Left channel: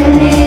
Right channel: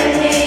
and